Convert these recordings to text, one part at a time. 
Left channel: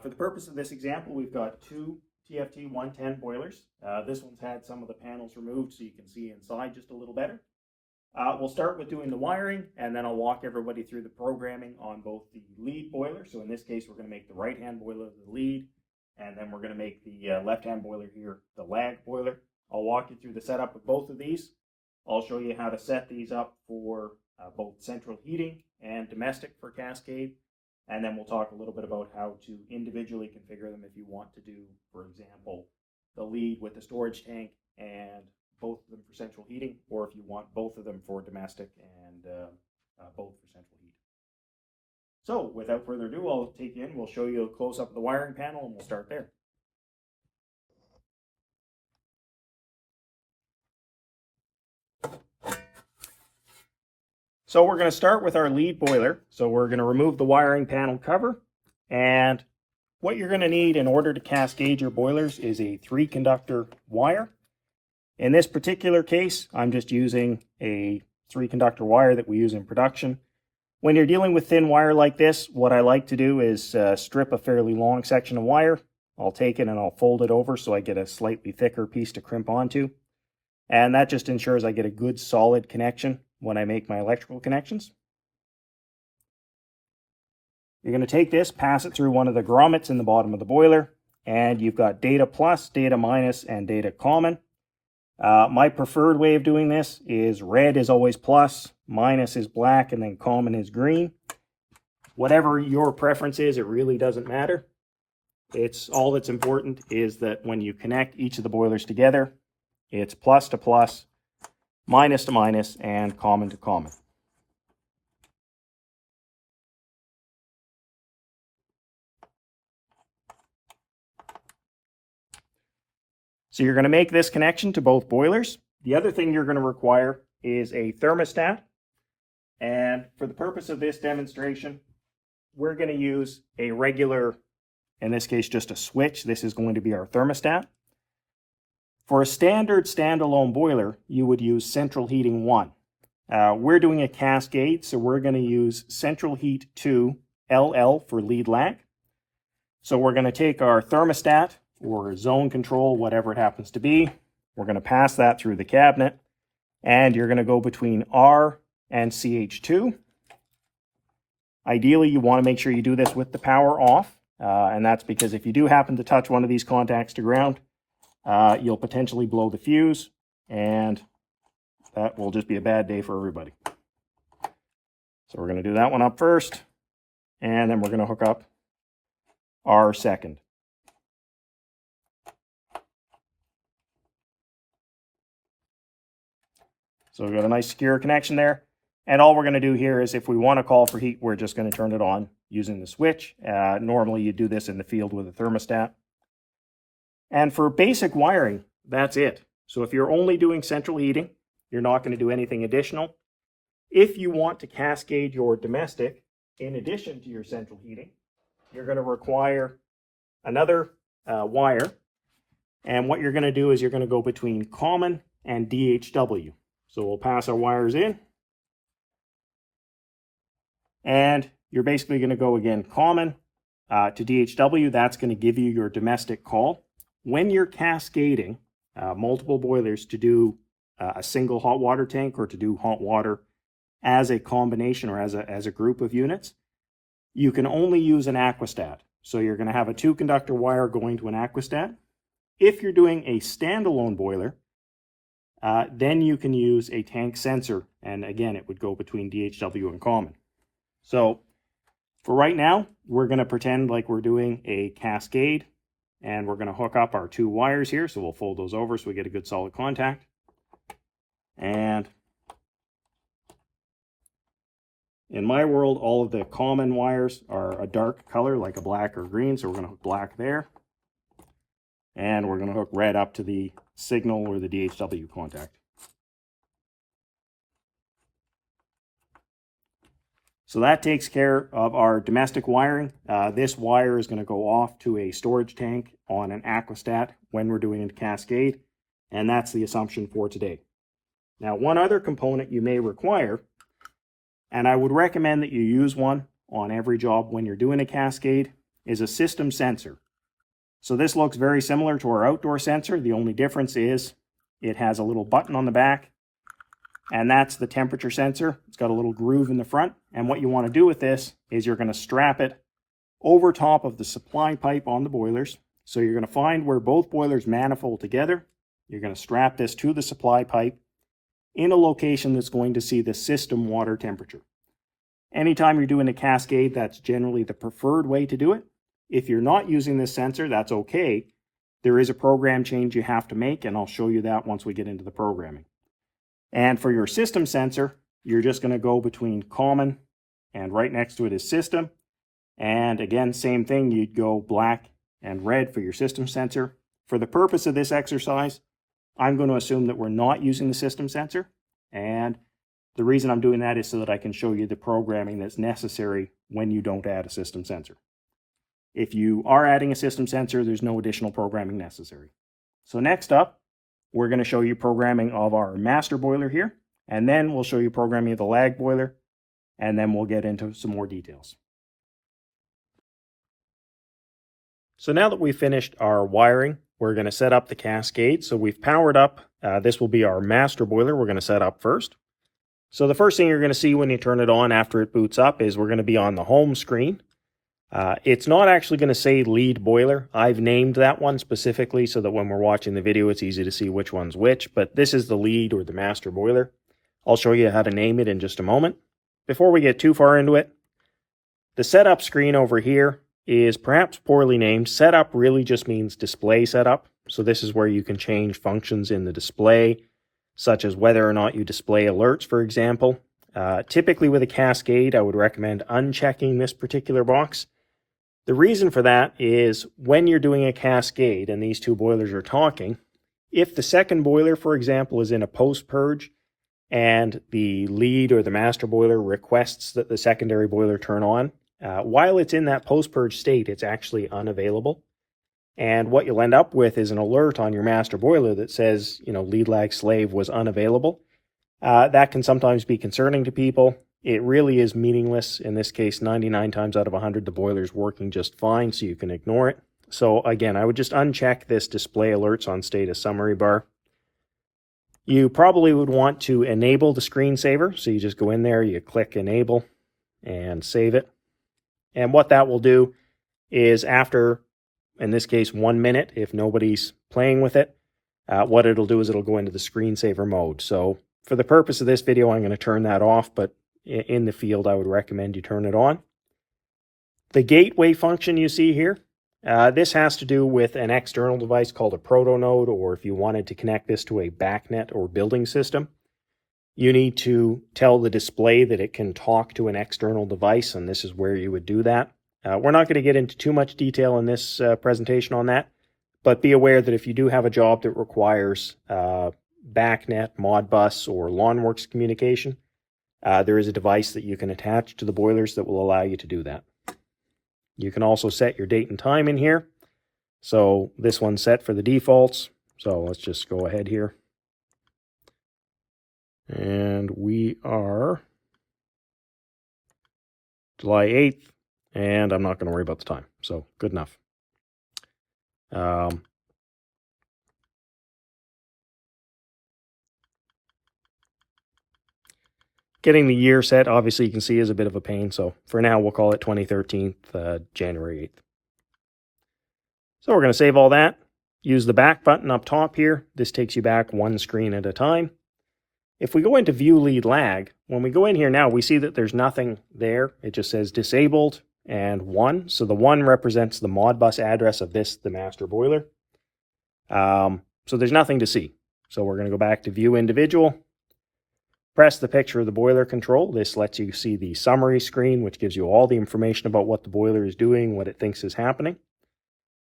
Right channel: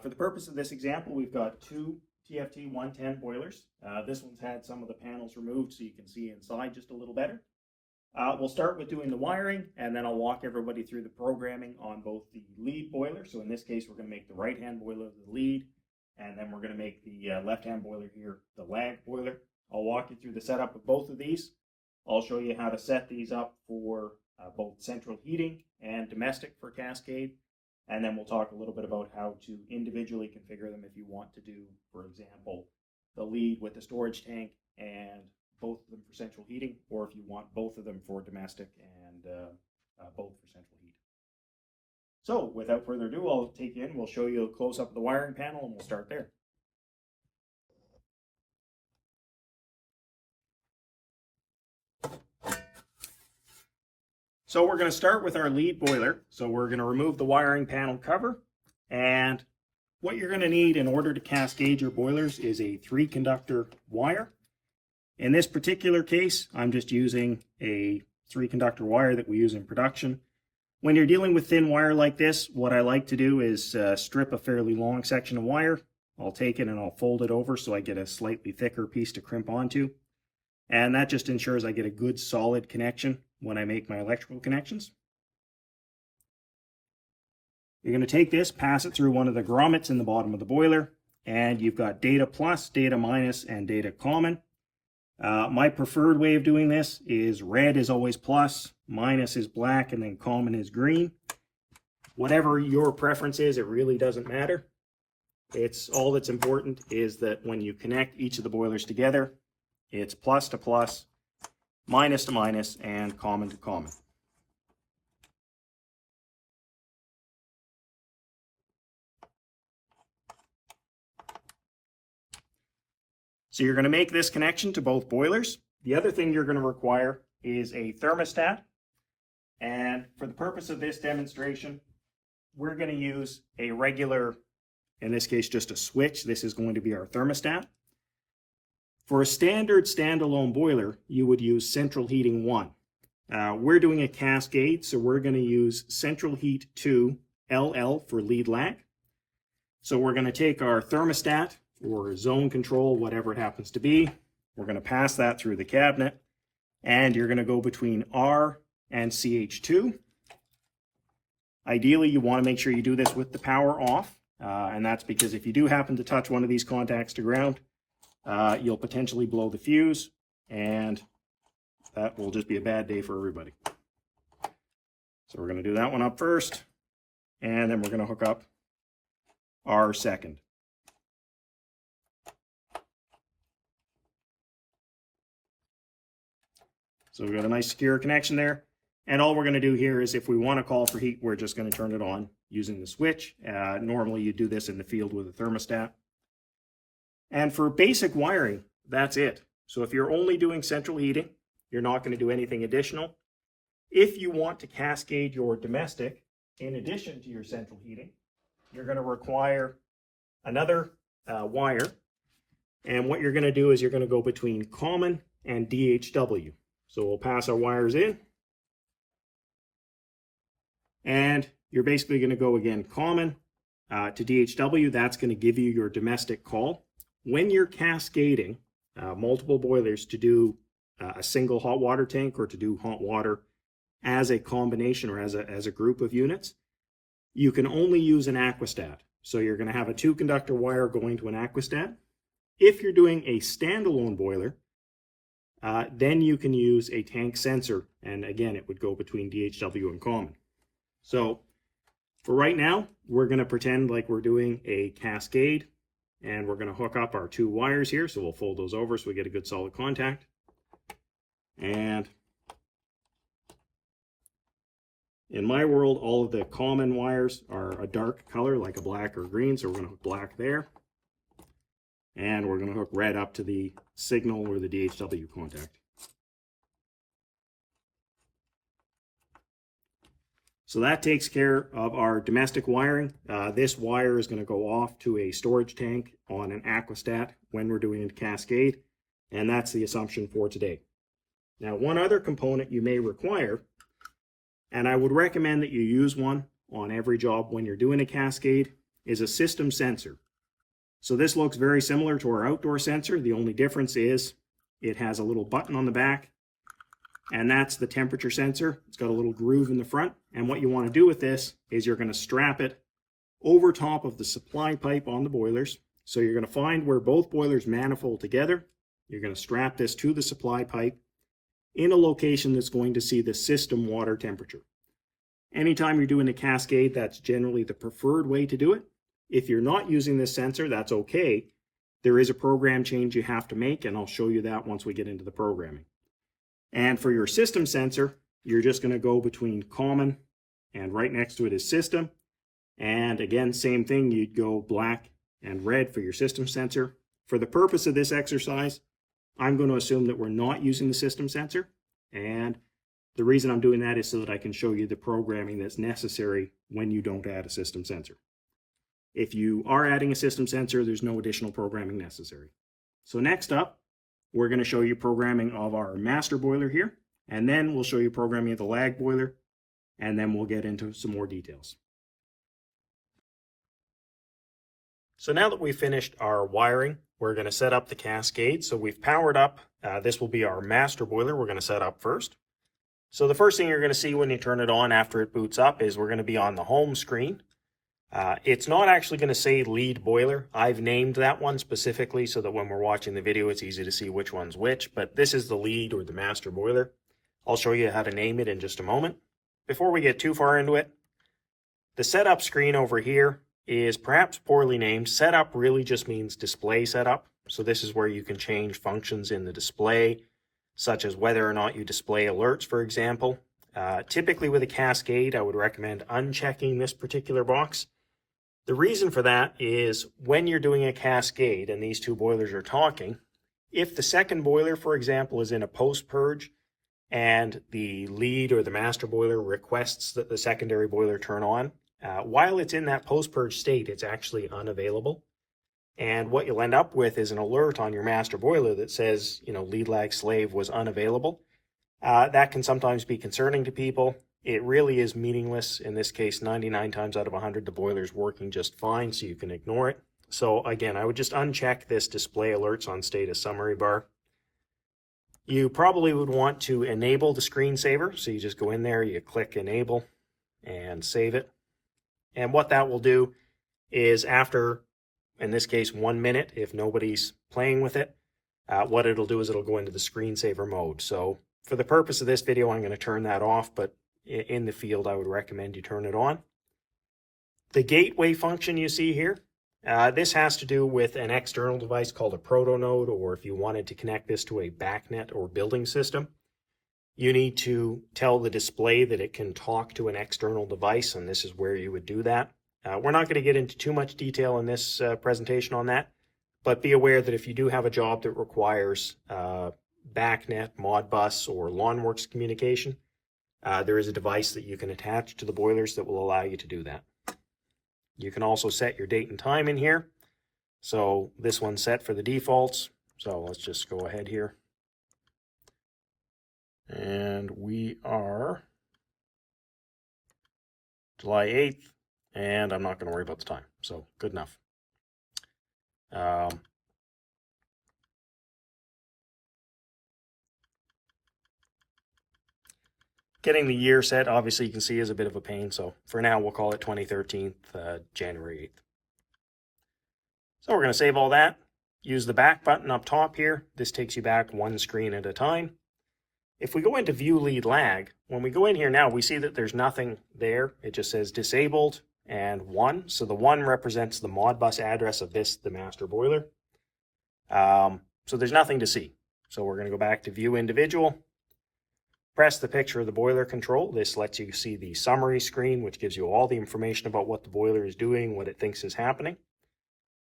For the purpose of this example, we've got two TFT 110 boilers. This one's had some of the panels removed so you can see inside just a little better. We'll start with doing the wiring, and then I'll walk everybody through the programming on both the lead boiler. So in this case, we're going to make the right-hand boiler the lead, and then we're going to make the left-hand boiler here the lag boiler. I'll walk you through the setup of both of these. I'll show you how to set these up for both central heating and domestic for Cascade. And then we'll talk a little bit about how to individually configure them if you want to do, for example, the lead with the storage tank and both of them for central heating, or if you want both of them for domestic and both for central heat. So without further ado, I'll take you in, we'll show you a close-up of the wiring panel, and we'll start there. So we're going to start with our lead boiler. So we're going to remove the wiring panel cover, and what you're going to need in order to cascade your boilers is a 3-conductor wire. In this particular case, I'm just using a 3-conductor wire that we use in production. When you're dealing with thin wire like this, what I like to do is strip a fairly long section of wire. I'll take it and I'll fold it over so I get a slightly thicker piece to crimp onto. And that just ensures I get a good solid connection when I make my electrical connections. You're going to take this, pass it through one of the grommets in the bottom of the boiler, and you've got data plus, data minus, and data common. My preferred way of doing this is red is always plus, minus is black, and then common is green. Whatever your preference is, it really doesn't matter. It's all that's important is that when you connect each of the boilers together, it's plus to plus, minus to minus, and common to common. So you're going to make this connection to both boilers. The other thing you're going to require is a thermostat. And for the purpose of this demonstration, we're going to use a regular, in this case, just a switch. This is going to be our thermostat. For a standard standalone boiler, you would use central heating 1. We're doing a Cascade, so we're going to use central heat 2 LL for lead lag. So we're going to take our thermostat or zone control, whatever it happens to be. We're going to pass that through the cabinet, and you're going to go between R and CH2. Ideally, you want to make sure you do this with the power off, and that's because if you do happen to touch one of these contacts to ground, you'll potentially blow the fuse, and that will just be a bad day for everybody. So we're going to do that one up first, and then we're going to hook up our second. So we've got a nice secure connection there. And all we're going to do here is if we want to call for heat, we're just going to turn it on using the switch. Normally you do this in the field with a thermostat. And for basic wiring, that's it. So if you're only doing central heating, you're not going to do anything additional. If you want to cascade your domestic in addition to your central heating, you're going to require another wire. And what you're going to do is you're going to go between common and DHW. So we'll pass our wires in. And you're basically going to go again common to DHW. That's going to give you your domestic call. When you're cascading multiple boilers to do a single hot water tank or to do hot water as a combination or as a group of units, you can only use an aquastat. So you're going to have a 2-conductor wire going to an aquastat. If you're doing a standalone boiler, then you can use a tank sensor, and again, it would go between DHW and common. So for right now, we're going to pretend like we're doing a cascade, and we're going to hook up our 2 wires here. So we'll fold those over so we get a good solid contact. And in my world, all of the common wires are a dark color, like a black or green. So we're going to hook black there. And we're going to hook red up to the signal or the DHW contact. So that takes care of our domestic wiring. This wire is going to go off to a storage tank on an aquastat when we're doing a cascade. And that's the assumption for today. Now, one other component you may require, and I would recommend that you use one on every job when you're doing a cascade, is a system sensor. So this looks very similar to our outdoor sensor. The only difference is it has a little button on the back, and that's the temperature sensor. It's got a little groove in the front, and what you want to do with this is you're going to strap it over top of the supply pipe on the boilers. So you're going to find where both boilers manifold together. You're going to strap this to the supply pipe in a location that's going to see the system water temperature. Anytime you're doing a Cascade, that's generally the preferred way to do it. If you're not using this sensor, that's okay. There is a program change you have to make, and I'll show you that once we get into the programming. And for your system sensor, you're just going to go between common and right next to it is system. And again, same thing, you'd go black and red for your system sensor. For the purpose of this exercise, I'm going to assume that we're not using the system sensor. And the reason I'm doing that is so that I can show you the programming that's necessary when you don't add a system sensor. If you are adding a system sensor, there's no additional programming necessary. So next up, we're going to show you programming of our master boiler here, and then we'll show you programming of the lag boiler, and then we'll get into some more details. So now that we've finished our wiring, we're going to set up the Cascade. So we've powered up, this will be our master boiler we're going to set up first. So the first thing you're going to see when you turn it on after it boots up is we're going to be on the home screen. It's not actually going to say lead boiler. I've named that one specifically so that when we're watching the video, it's easy to see which one's which, but this is the lead or the master boiler. I'll show you how to name it in just a moment. Before we get too far into it, the setup screen over here is perhaps poorly named. Setup really just means display setup. So this is where you can change functions in the display, such as whether or not you display alerts, for example. Typically with a Cascade, I would recommend unchecking this particular box. The reason for that is when you're doing a Cascade and these two boilers are talking, if the second boiler, for example, is in a post-purge and the lead or the master boiler requests that the secondary boiler turn on, while it's in that post-purge state, it's actually unavailable. And what you'll end up with is an alert on your master boiler that says, lead lag slave was unavailable. That can sometimes be concerning to people. It really is meaningless. In this case, 99 times out of 100, the boiler's working just fine, so you can ignore it. So again, I would just uncheck this display alerts on status summary bar. You probably would want to enable the screensaver. So you just go in there, you click enable and save it. And what that will do is after, in this case, 1 minute, if nobody's playing with it, what it'll do is it'll go into the screensaver mode. So for the purpose of this video, I'm going to turn that off, but in the field, I would recommend you turn it on. The gateway function you see here, this has to do with an external device called a proto node, or if you wanted to connect this to a backnet or building system, you need to tell the display that it can talk to an external device, and this is where you would do that. We're not going to get into too much detail in this presentation on that, but be aware that if you do have a job that requires backnet, Modbus, or LawnWorks communication, there is a device that you can attach to the boilers that will allow you to do that. You can also set your date and time in here. So this one's set for the defaults. So let's just go ahead here. And we are July 8th, and I'm not going to worry about the time. So good enough. Getting the year set, obviously you can see, is a bit of a pain. So for now, we'll call it 2013, January 8th. So we're going to save all that. Use the back button up top here. This takes you back one screen at a time. If we go into view lead lag, when we go in here now, we see that there's nothing there. It just says disabled and 1. So the 1 represents the Modbus address of this, the master boiler. So there's nothing to see. So we're going to go back to view individual. Press the picture of the boiler control. This lets you see the summary screen, which gives you all the information about what the boiler is doing, what it thinks is happening.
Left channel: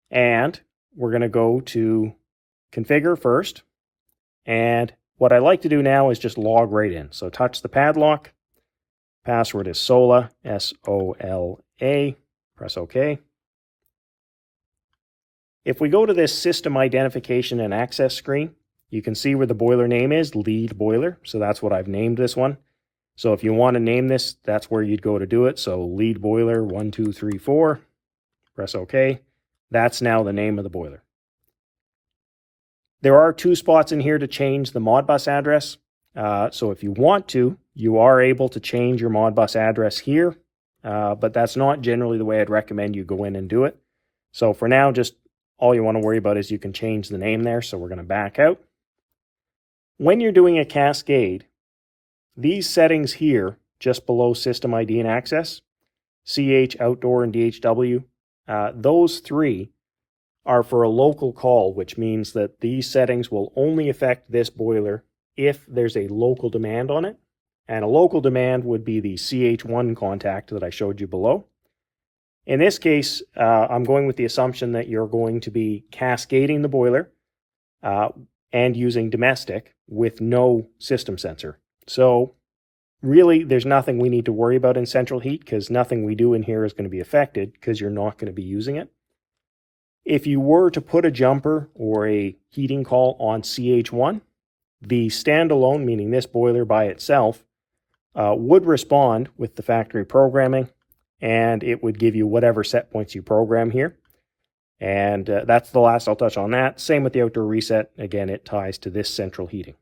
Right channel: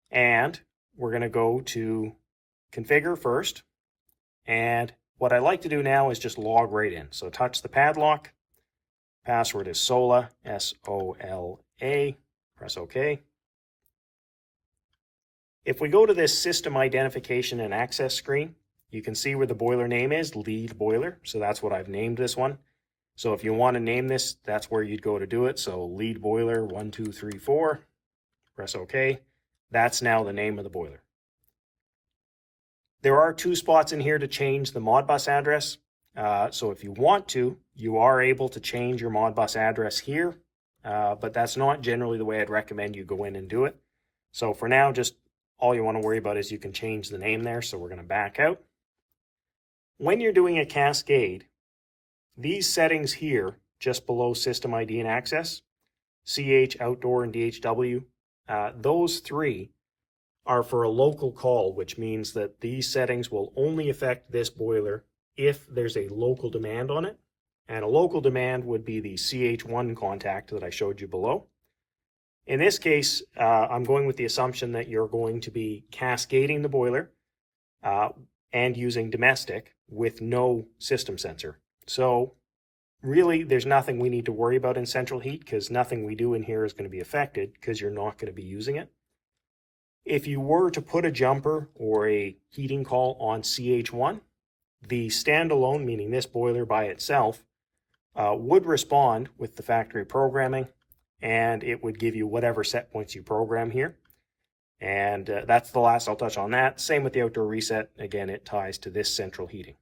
And we're going to go to configure first. And what I like to do now is just log right in. So touch the padlock. Password is SOLA, S-O-L-A. Press OK. If we go to this system identification and access screen, you can see where the boiler name is, lead boiler. So that's what I've named this one. So if you want to name this, that's where you'd go to do it. So lead boiler 1, 2, 3, 4. press OK. That's now the name of the boiler. There are 2 spots in here to change the Modbus address. So if you want to, you are able to change your Modbus address here, but that's not generally the way I'd recommend you go in and do it. So for now, just all you want to worry about is you can change the name there. So we're going to back out. When you're doing a Cascade, these settings here, just below System ID and Access, CH, Outdoor, and DHW, those 3 are for a local call, which means that these settings will only affect this boiler if there's a local demand on it. And a local demand would be the CH1 contact that I showed you below. In this case, I'm going with the assumption that you're going to be cascading the boiler and using domestic with no system sensor. So really, there's nothing we need to worry about in central heat because nothing we do in here is going to be affected because you're not going to be using it. If you were to put a jumper or a heating call on CH1, the standalone, meaning this boiler by itself, would respond with the factory programming, and it would give you whatever set points you program here. And that's the last I'll touch on that. Same with the outdoor reset. Again, it ties to this central heating.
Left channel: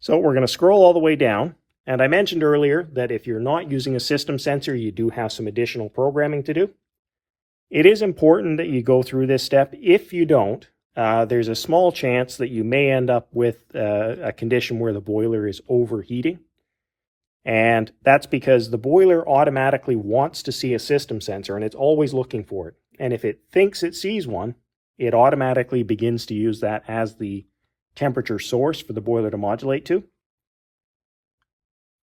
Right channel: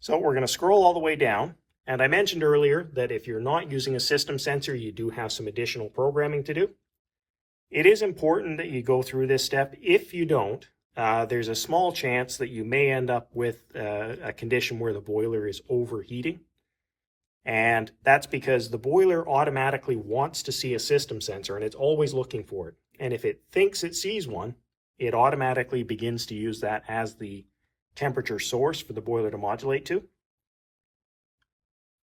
So we're going to scroll all the way down. And I mentioned earlier that if you're not using a system sensor, you do have some additional programming to do. It is important that you go through this step. If you don't, there's a small chance that you may end up with a condition where the boiler is overheating. And that's because the boiler automatically wants to see a system sensor, and it's always looking for it. And if it thinks it sees one, it automatically begins to use that as the temperature source for the boiler to modulate to.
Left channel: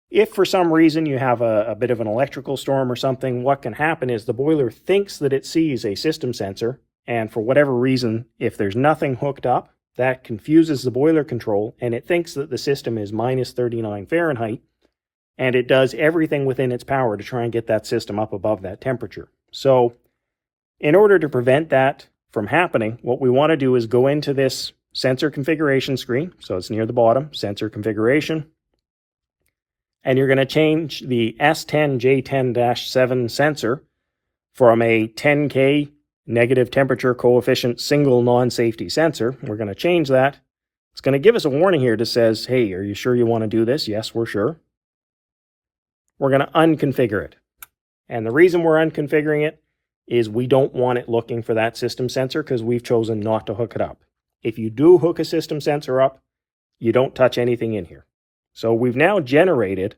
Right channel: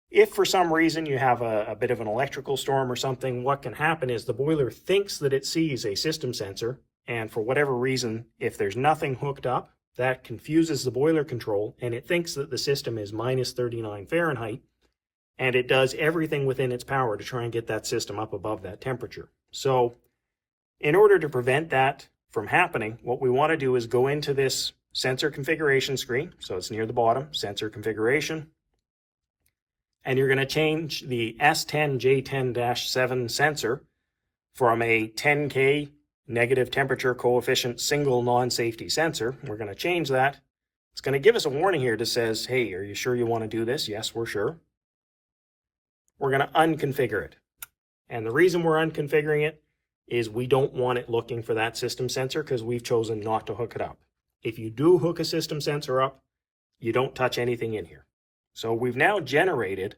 If for some reason you have a bit of an electrical storm or something, what can happen is the boiler thinks that it sees a system sensor, and for whatever reason, if there's nothing hooked up, that confuses the boiler control, and it thinks that the system is minus 39 Fahrenheit, and it does everything within its power to try and get that system up above that temperature. So in order to prevent that from happening, what we want to do is go into this sensor configuration screen. So it's near the bottom, sensor configuration. And you're going to change the S10J10-7 sensor from a 10K negative temperature coefficient single non-safety sensor. We're going to change that. It's going to give us a warning here that says, hey, are you sure you want to do this? Yes, we're sure. We're going to unconfigure it. And the reason we're unconfiguring it is we don't want it looking for that system sensor because we've chosen not to hook it up. If you do hook a system sensor up, you don't touch anything in here. So we've now generated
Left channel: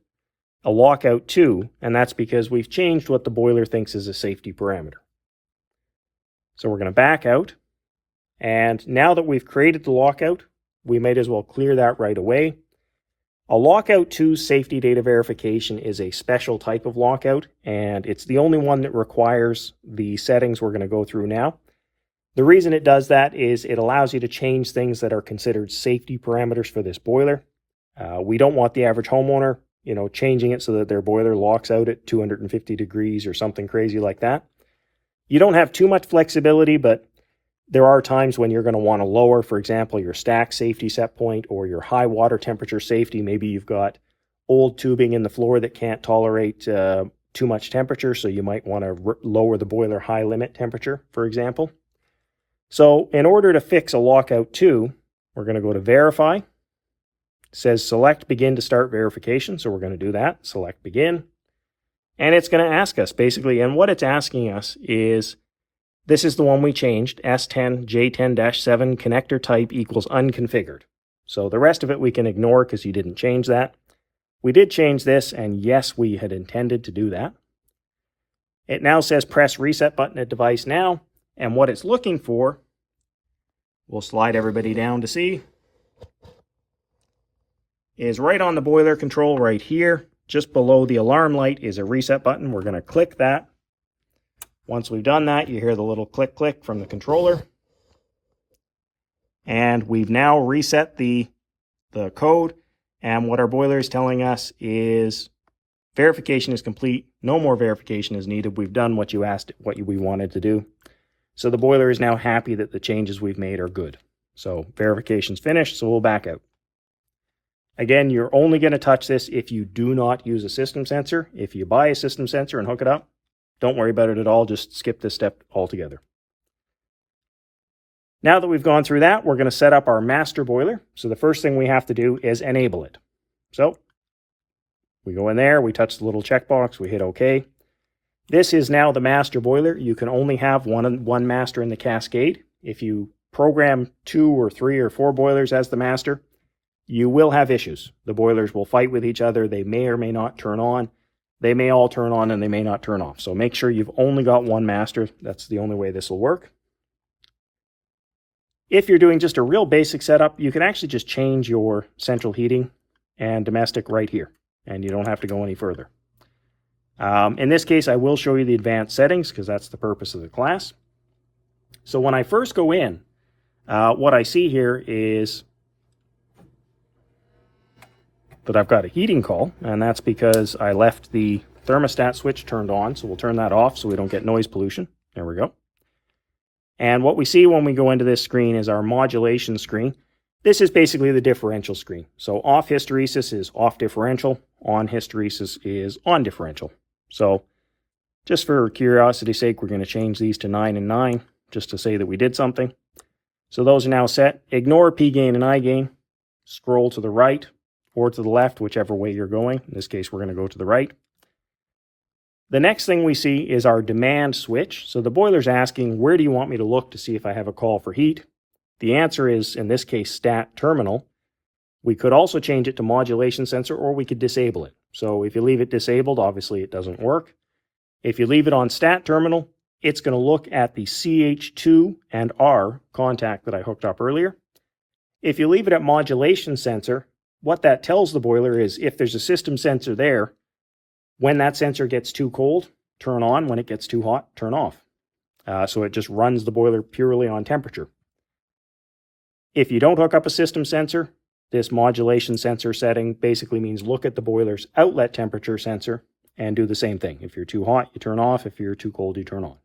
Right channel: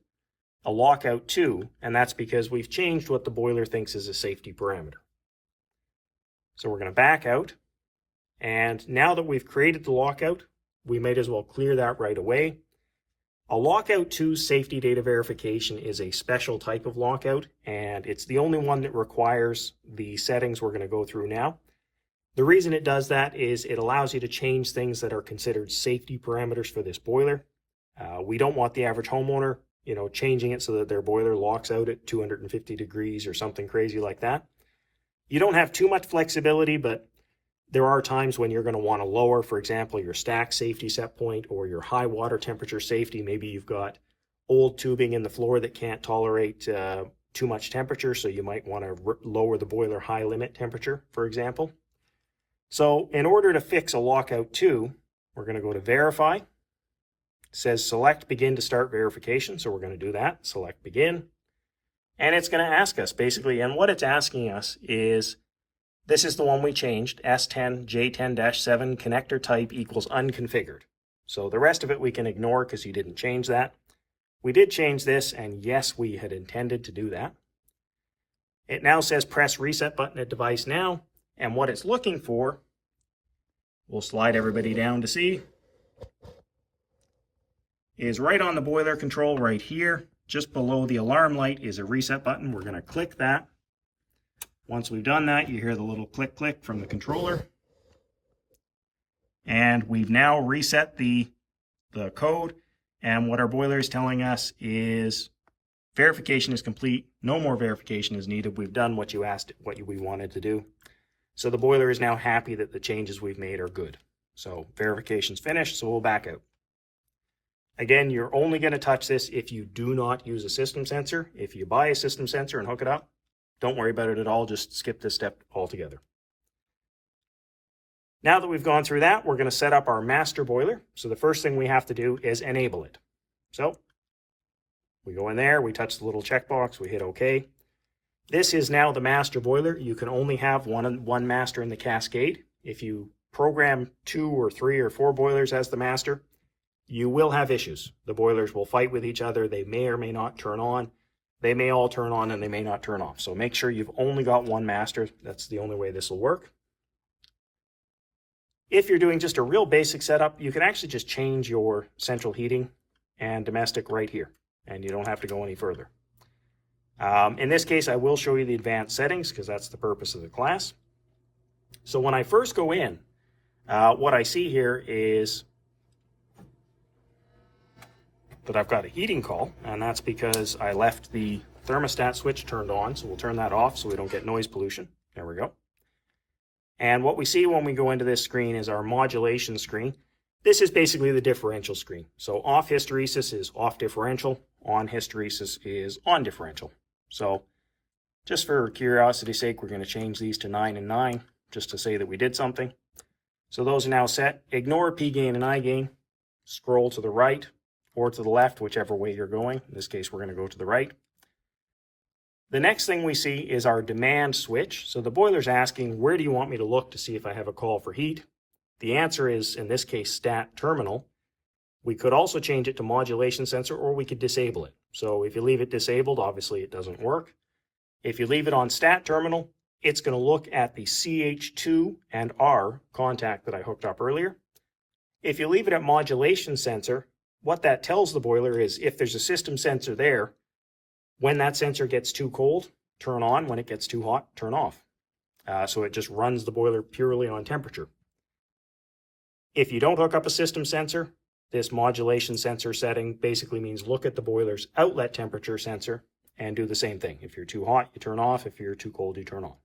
a lockout 2, and that's because we've changed what the boiler thinks is a safety parameter. So we're going to back out, and now that we've created the lockout, we might as well clear that right away. A lockout 2 safety data verification is a special type of lockout, and it's the only one that requires the settings we're going to go through now. The reason it does that is it allows you to change things that are considered safety parameters for this boiler. We don't want the average homeowner, changing it so that their boiler locks out at 250 degrees or something crazy like that. You don't have too much flexibility, but there are times when you're going to want to lower, for example, your stack safety set point or your high water temperature safety. Maybe you've got old tubing in the floor that can't tolerate too much temperature, so you might want to lower the boiler high limit temperature, for example. So in order to fix a lockout 2, we're going to go to Verify. It says Select Begin to start verification, so we're going to do that. Select Begin. And it's going to ask us, basically, and what it's asking us is, this is the one we changed, S10J10-7 connector type equals unconfigured. So the rest of it we can ignore because you didn't change that. We did change this, and yes, we had intended to do that. It now says press reset button at device now, and what it's looking for, we'll slide everybody down to see, is right on the boiler control right here, just below the alarm light is a reset button. We're going to click that. Once we've done that, you hear the little click click from the controller. And we've now reset the code. And what our boiler is telling us is verification is complete. No more verification is needed. We've done what you asked, what we wanted to do. So the boiler is now happy that the changes we've made are good. So verification's finished, so we'll back out. Again, you're only going to touch this if you do not use a system sensor. If you buy a system sensor and hook it up, don't worry about it at all. Just skip this step altogether. Now that we've gone through that, we're going to set up our master boiler. So the first thing we have to do is enable it. So we go in there, we touch the little checkbox, we hit OK. This is now the master boiler. You can only have one master in the Cascade. If you program 2 or 3 or 4 boilers as the master, you will have issues. The boilers will fight with each other. They may or may not turn on. They may all turn on and they may not turn off. So make sure you've only got one master. That's the only way this will work. If you're doing just a real basic setup, you can actually just change your central heating and domestic right here, and you don't have to go any further. In this case, I will show you the advanced settings because that's the purpose of the class. So when I first go in, what I see here is that I've got a heating call, and that's because I left the thermostat switch turned on. So we'll turn that off so we don't get noise pollution. There we go. And what we see when we go into this screen is our modulation screen. This is basically the differential screen. So off hysteresis is off differential, on hysteresis is on differential. So just for curiosity's sake, we're going to change these to 9 and 9 just to say that we did something. So those are now set. Ignore P gain and I gain. Scroll to the right or to the left, whichever way you're going. In this case, we're going to go to the right. The next thing we see is our demand switch. So the boiler's asking, where do you want me to look to see if I have a call for heat? The answer is, in this case, stat terminal. We could also change it to modulation sensor, or we could disable it. So if you leave it disabled, obviously it doesn't work. If you leave it on stat terminal, it's going to look at the CH2 and R contact that I hooked up earlier. If you leave it at modulation sensor, what that tells the boiler is if there's a system sensor there, when that sensor gets too cold, turn on. When it gets too hot, turn off. So it just runs the boiler purely on temperature. If you don't hook up a system sensor, this modulation sensor setting basically means look at the boiler's outlet temperature sensor and do the same thing. If you're too hot, you turn off. If you're too cold, you turn on.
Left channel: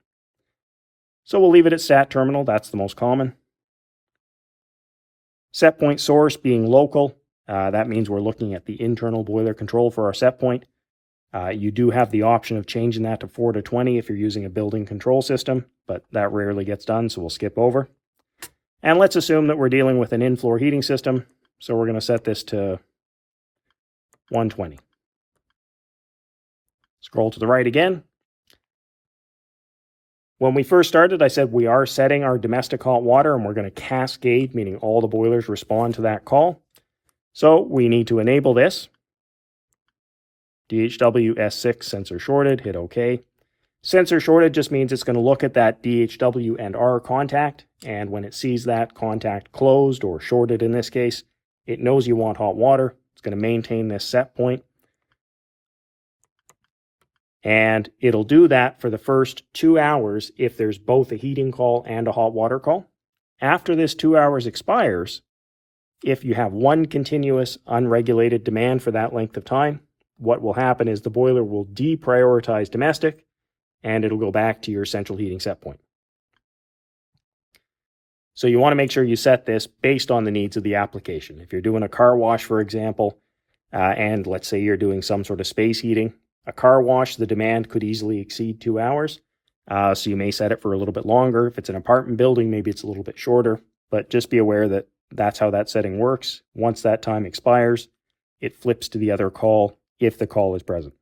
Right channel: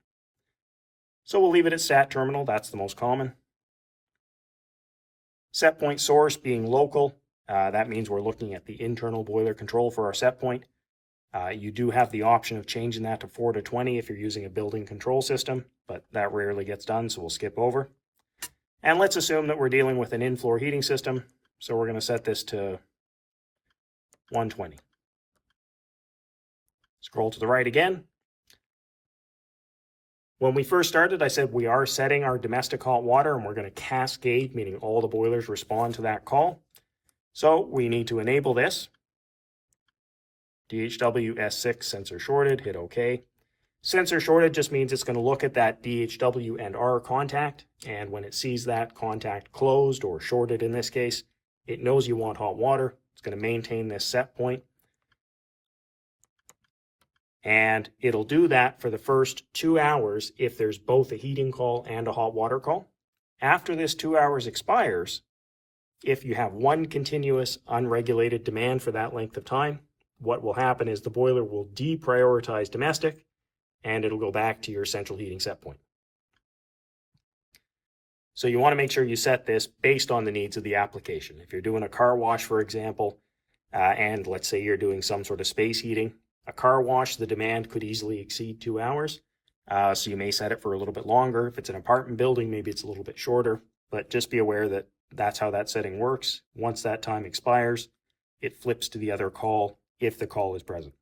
So we'll leave it at stat terminal. That's the most common. Set point source being local. That means we're looking at the internal boiler control for our set point. You do have the option of changing that to 4 to 20 if you're using a building control system, but that rarely gets done, so we'll skip over. And let's assume that we're dealing with an in-floor heating system, so we're going to set this to 120. Scroll to the right again. When we first started, I said we are setting our domestic hot water, and we're going to cascade, meaning all the boilers respond to that call. So we need to enable this. DHW S6 sensor shorted, hit OK. Sensor shorted just means it's going to look at that DHW and R contact, and when it sees that contact closed or shorted in this case, it knows you want hot water. It's going to maintain this set point. And it'll do that for the first 2 hours if there's both a heating call and a hot water call. After this 2 hours expires, if you have one continuous unregulated demand for that length of time, what will happen is the boiler will deprioritize domestic and it'll go back to your central heating set point. So you want to make sure you set this based on the needs of the application. If you're doing a car wash, for example, and let's say you're doing some sort of space heating, a car wash, the demand could easily exceed 2 hours. So you may set it for a little bit longer. If it's an apartment building, maybe it's a little bit shorter, but just be aware that that's how that setting works. Once that time expires, it flips to the other call if the call is present.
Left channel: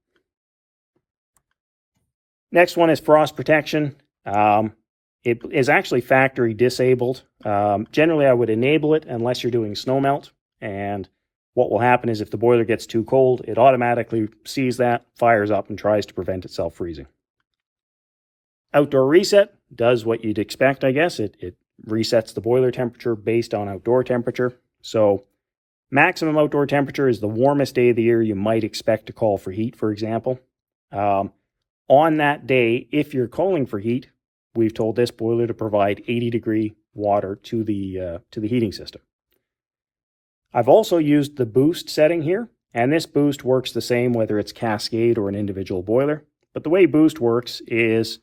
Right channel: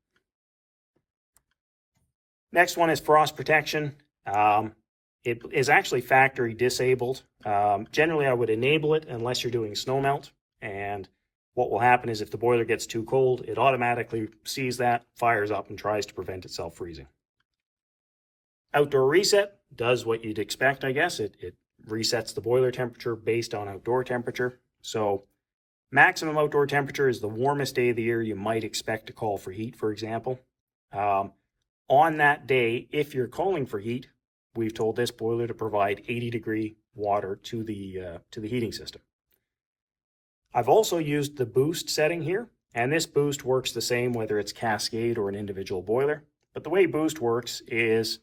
Next one is frost protection. It is actually factory disabled. Generally, I would enable it unless you're doing snow melt. And what will happen is if the boiler gets too cold, it automatically sees that, fires up, and tries to prevent itself freezing. Outdoor reset does what you'd expect, I guess. It resets the boiler temperature based on outdoor temperature. So maximum outdoor temperature is the warmest day of the year you might expect to call for heat, for example. On that day, if you're calling for heat, we've told this boiler to provide 80-degree water to the heating system. I've also used the boost setting here, and this boost works the same whether it's Cascade or an individual boiler. But the way boost works is,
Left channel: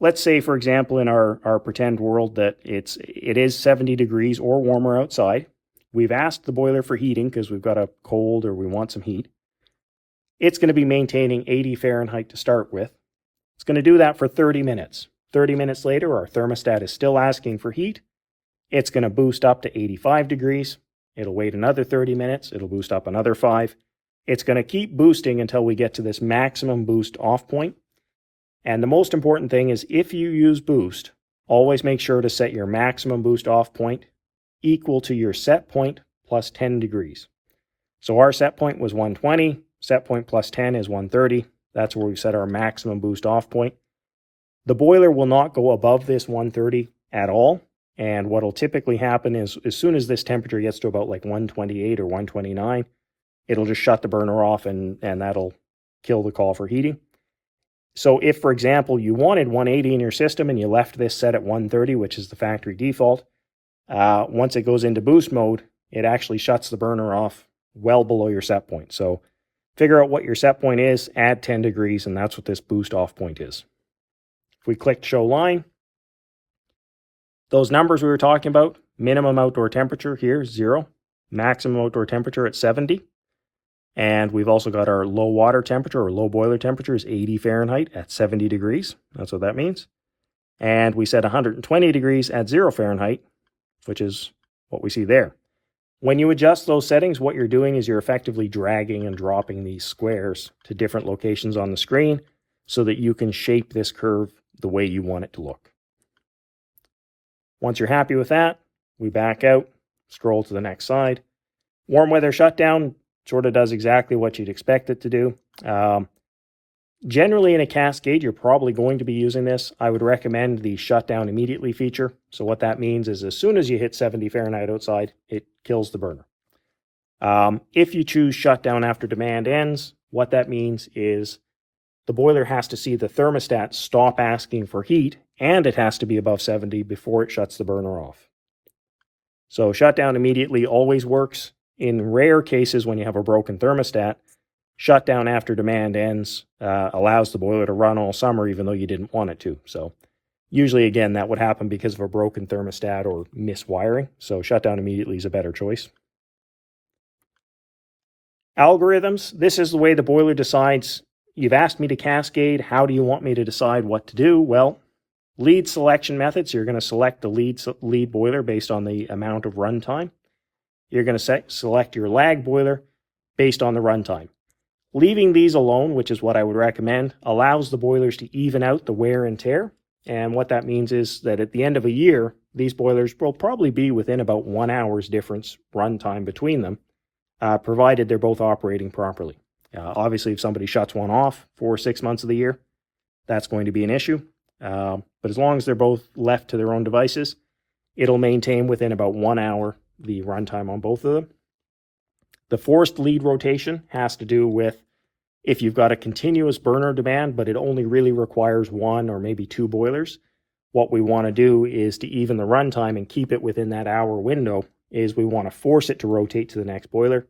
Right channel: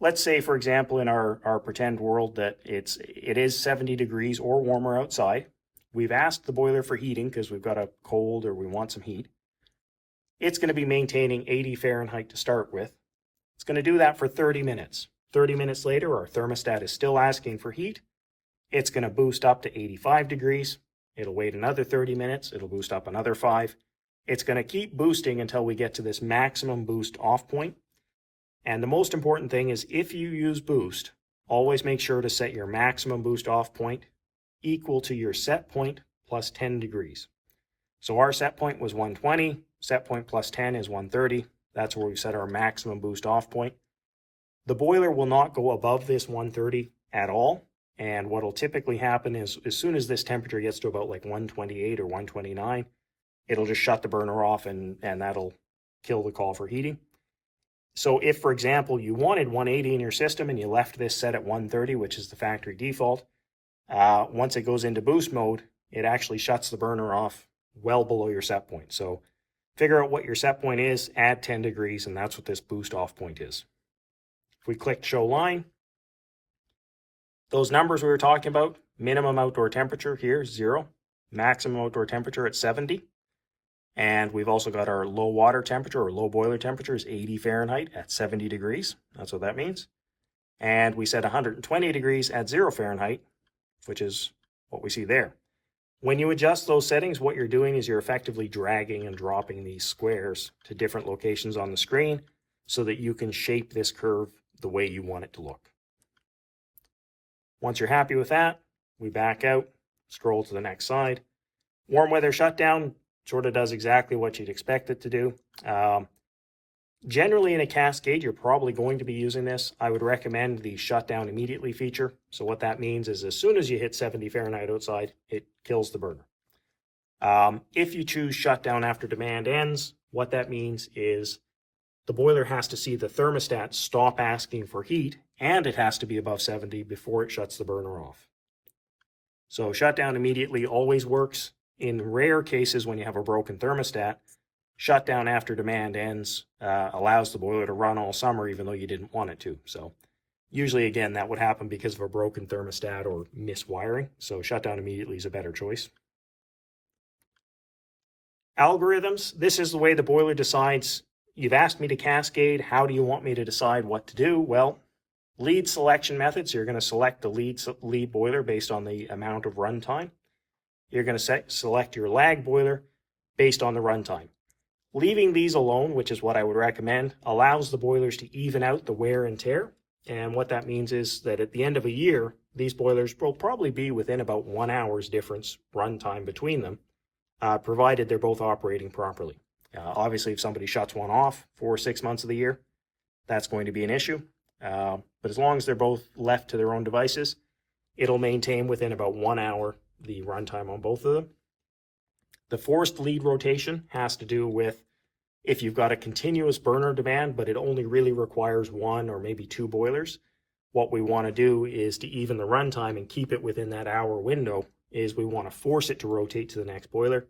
let's say, for example, in our pretend world that it is 70 degrees or warmer outside. We've asked the boiler for heating because we've got a cold or we want some heat. It's going to be maintaining 80 Fahrenheit to start with. It's going to do that for 30 minutes. 30 minutes later, our thermostat is still asking for heat. It's going to boost up to 85 degrees. It'll wait another 30 minutes. It'll boost up another 5. It's going to keep boosting until we get to this maximum boost off point. And the most important thing is if you use boost, always make sure to set your maximum boost off point equal to your set point plus 10 degrees. So our set point was 120. Set point plus 10 is 130. That's where we set our maximum boost off point. The boiler will not go above this 130 at all. And what will typically happen is as soon as this temperature gets to about like 128 or 129, it'll just shut the burner off and that'll kill the call for heating. So if, for example, you wanted 180 in your system and you left this set at 130, which is the factory default, once it goes into boost mode, it actually shuts the burner off well below your set point. So figure out what your set point is, add 10 degrees, and that's what this boost off point is. If we click show line, those numbers we were talking about, minimum outdoor temperature here, 0, maximum outdoor temperature at 70. And we've also got our low water temperature or low boiler temperature is 80 Fahrenheit at 70 degrees. That's what that means. And we set 120 degrees at 0 Fahrenheit, which is what we see there. When you adjust those settings, what you're doing is you're effectively dragging and dropping these squares to different locations on the screen so that you can shape this curve the way you want it to look. Once you're happy with that, we back out, scroll to the next slide. Warm weather shutdown sort of does exactly what you'd expect it to do. Generally in a Cascade, you're probably going to be using this. I would recommend the shutdown immediately feature. So what that means is as soon as you hit 70 Fahrenheit outside, it kills the burner. If you choose shutdown after demand ends, what that means is the boiler has to see the thermostat stop asking for heat, and it has to be above 70 before it shuts the burner off. So shutdown immediately always works. In rare cases when you have a broken thermostat, shutdown after demand ends allows the boiler to run all summer even though you didn't want it to. So usually, again, that would happen because of a broken thermostat or miswiring. So shutdown immediately is a better choice. Algorithms. This is the way the boiler decides. You've asked me to cascade. How do you want me to decide what to do? Well, lead selection methods. You're going to select the lead boiler based on the amount of runtime. You're going to select your lag boiler based on the runtime. Leaving these alone, which is what I would recommend, allows the boilers to even out the wear and tear. And what that means is that at the end of a year, these boilers will probably be within about 1 hour's difference runtime between them, provided they're both operating properly. Obviously, if somebody shuts one off for 6 months of the year, that's going to be an issue. But as long as they're both left to their own devices, it'll maintain within about 1 hour the runtime on both of them. The forced lead rotation has to do with if you've got a continuous burner demand, but it only really requires 1 or maybe 2 boilers. What we want to do is to even the runtime and keep it within that hour window is we want to force it to rotate to the next boiler.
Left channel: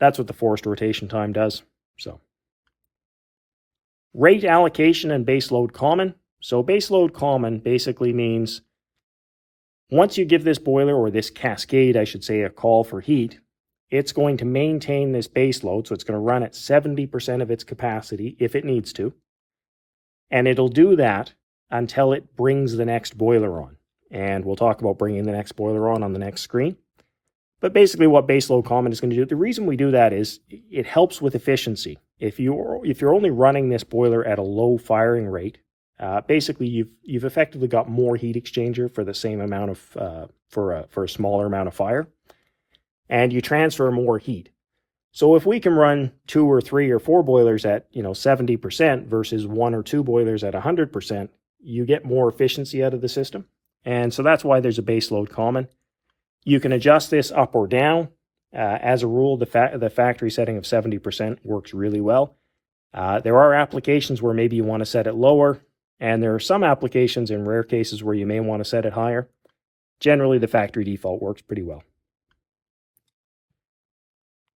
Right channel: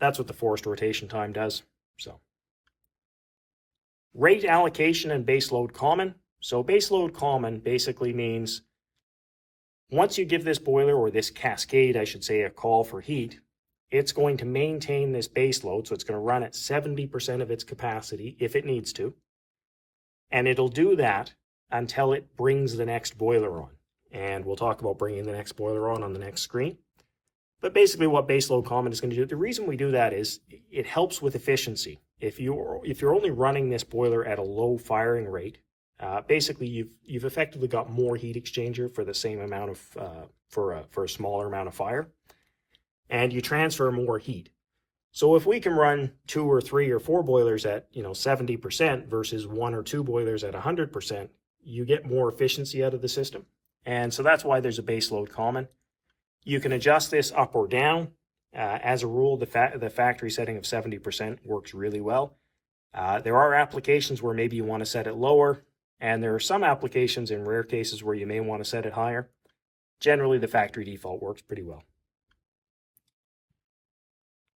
That's what the forced rotation time does. So rate allocation and base load common. So base load common basically means once you give this boiler, or this cascade, I should say, a call for heat, it's going to maintain this base load. So it's going to run at 70% of its capacity if it needs to. And it'll do that until it brings the next boiler on. And we'll talk about bringing the next boiler on the next screen. But basically what base load common is going to do, the reason we do that is it helps with efficiency. If you're only running this boiler at a low firing rate, basically you've effectively got more heat exchanger for the same amount of for a smaller amount of fire, and you transfer more heat. So if we can run 2 or 3 or 4 boilers at 70% versus 1 or 2 boilers at 100%, you get more efficiency out of the system. And so that's why there's a base load common. You can adjust this up or down. As a rule, the factory setting of 70% works really well. There are applications where maybe you want to set it lower, and there are some applications in rare cases where you may want to set it higher. Generally, the factory default works pretty well.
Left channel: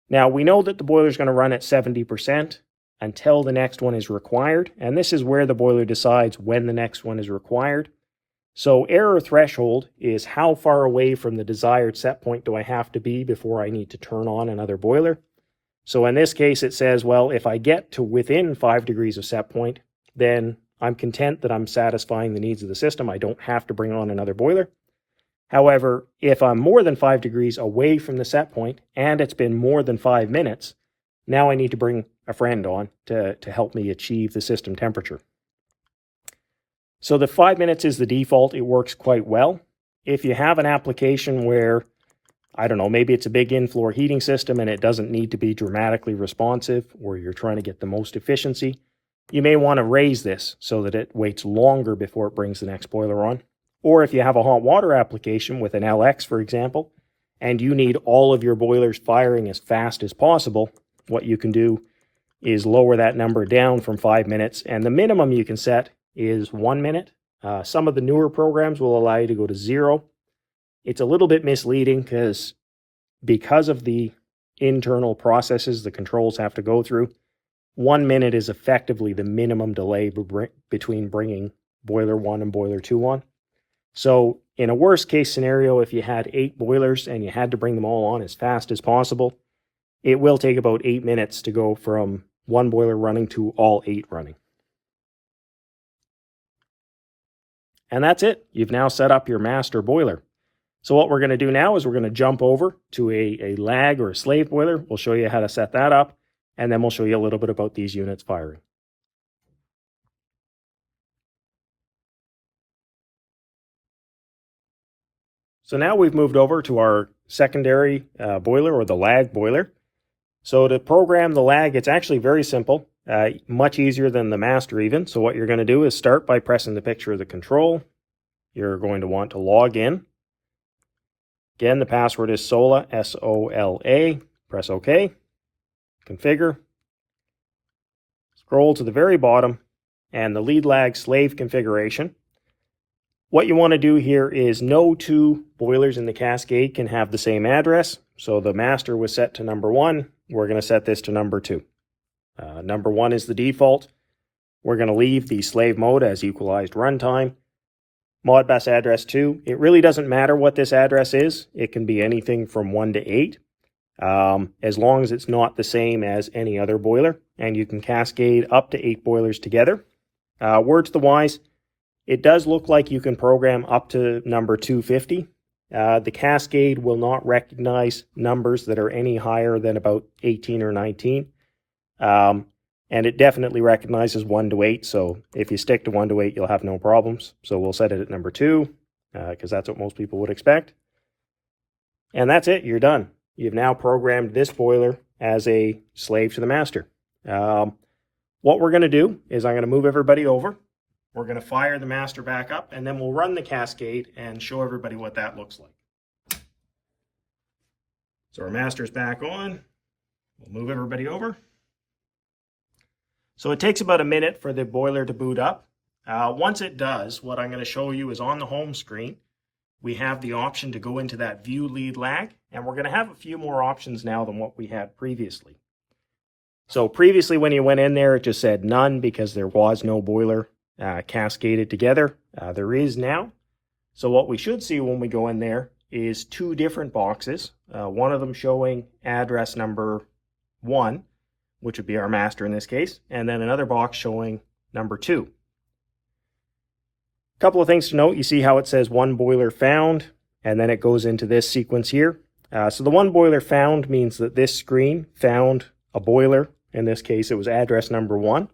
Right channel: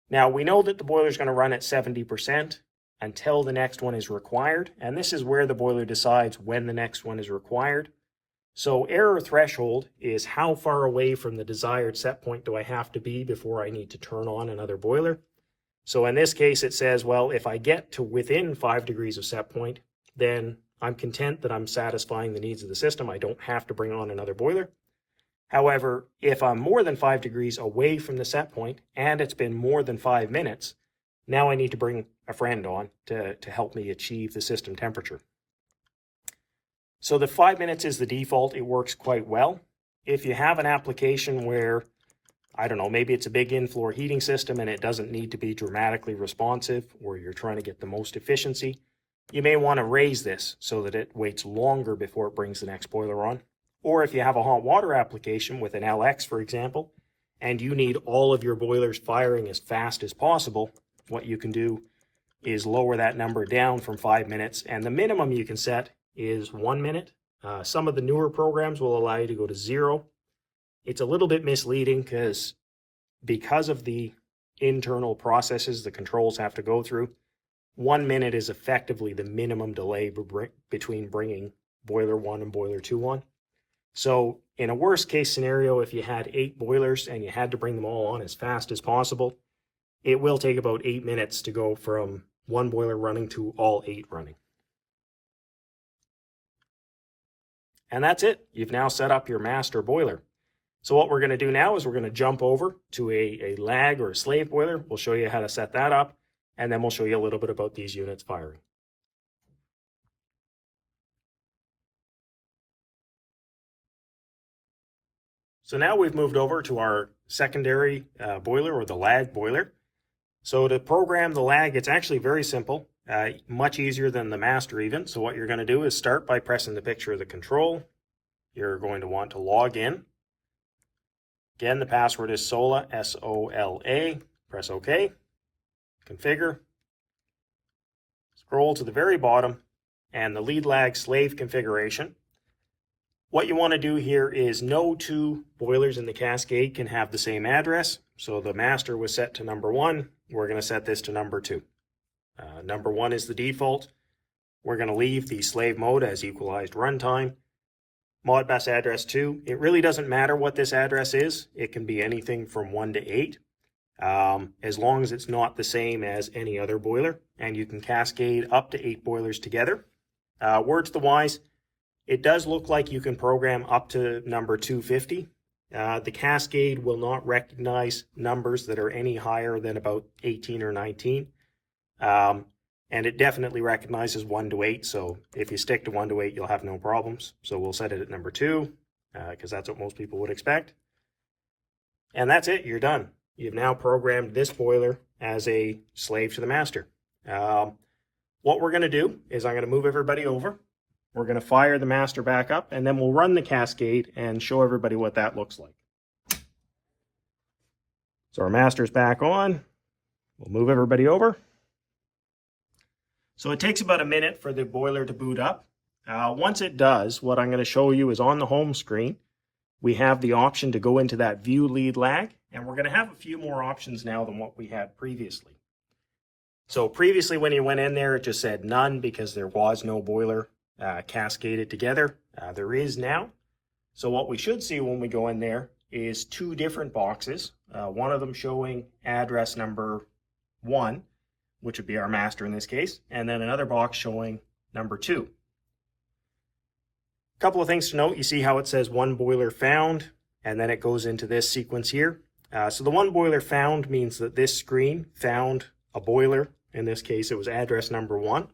Now, we know that the boiler is going to run at 70% until the next one is required, and this is where the boiler decides when the next one is required. So error threshold is how far away from the desired set point do I have to be before I need to turn on another boiler. So in this case, it says, well, if I get to within 5 degrees of set point, then I'm content that I'm satisfying the needs of the system. I don't have to bring on another boiler. However, if I'm more than 5 degrees away from the set point and it's been more than 5 minutes, now I need to bring a friend on to help me achieve the system temperature. So the 5 minutes is the default. It works quite well. If you have an application where, I don't know, maybe it's a big in-floor heating system and it doesn't need to be dramatically responsive, or you're trying to get the most efficiency, you may want to raise this so that it waits longer before it brings the next boiler on. Or if you have a hot water application with an LX, for example, and you need all of your boilers firing as fast as possible, what you can do is lower that number down from 5 minutes, and the minimum you can set is 1 minute. Some of the newer programs will allow you to go to 0. It's a little bit misleading because of the internal processes the controls have to go through. 1 minute is effectively the minimum delay between bringing boiler 1 and boiler 2 on. So in a worst case scenario, if you had 8 boilers and you had to bring them all on as fast as possible, it will take about 8 minutes to go from 1 boiler running to all 8 running. And that's it. You've now set up your master boiler. So what we're going to do now is we're going to jump over to a lag or a slave boiler. We'll show you how to set that up, and then we'll show you a little bit about these units firing. So now we've moved over to our secondary boiler, or the lag boiler. So to program the lag, it's actually very simple, much easier than the master even. So what you're going to do is start by pressing the picture of the control. You're going to want to log in. Again, the password is SOLA, S-O-L-A. Press OK. Configure. Scroll to the very bottom, and the lead lag slave configuration. What you want to do here is no 2 boilers in the Cascade can have the same address. So the master was set to number 1. We're going to set this to number 2. Number 1 is the default. We're going to leave the slave mode as equalized runtime. Modbus address 2. It really doesn't matter what this address is. It can be anything from 1 to 8, as long as it's not the same as any other boiler. And you can cascade up to 8 boilers together. Word to the wise, it does look like you can program up to number 250. The Cascade will not recognize numbers that are any higher than about 18 or 19. And it definitely recognizes 1 to 8. So if you stick to 1 to 8, you'll have no problems. So we'll set it at number 2, because that's what most people would expect. And that's it. You're done. You've now programmed this boiler as a slave to the master. What we're going to do is I'm going to move everybody over. We're going to fire the master back up, and then we'll run the Cascade and show everybody what that looks like. So our master's back on. We'll move everybody over. So it takes about a minute for the boiler to boot up. Once it does, what I'm going to show you is on the home screen, we have the option to go into that view lead lag, and we're going to have a few more options now than what we had previously. So previously when you went in there, it just said none because there was no boiler cascaded together. There is now. So what we should see when we go in there is 2 different boxes, one of them showing address number 1, which would be our master in this case, and then another box showing number 2. A couple of things to note. You see how it says 1 boiler found, and then it goes into this sequence here. So the 1 boiler found means that this screen found a boiler. In this case, it was address number 1.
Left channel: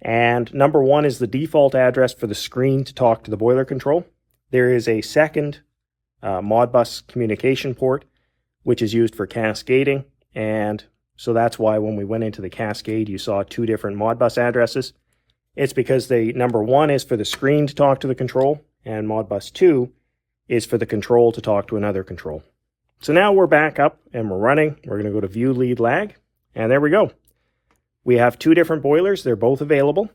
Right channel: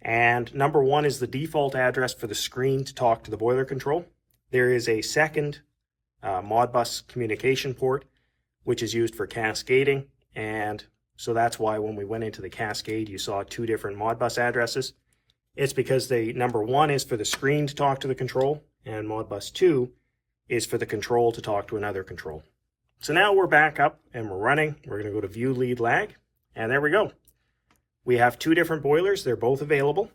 And number 1 is the default address for the screen to talk to the boiler control. There is a second Modbus communication port, which is used for cascading. And so that's why when we went into the Cascade, you saw 2 different Modbus addresses. It's because the number 1 is for the screen to talk to the control, and Modbus 2 is for the control to talk to another control. So now we're back up and we're running. We're going to go to view lead lag, and there we go. We have 2 different boilers. They're both available.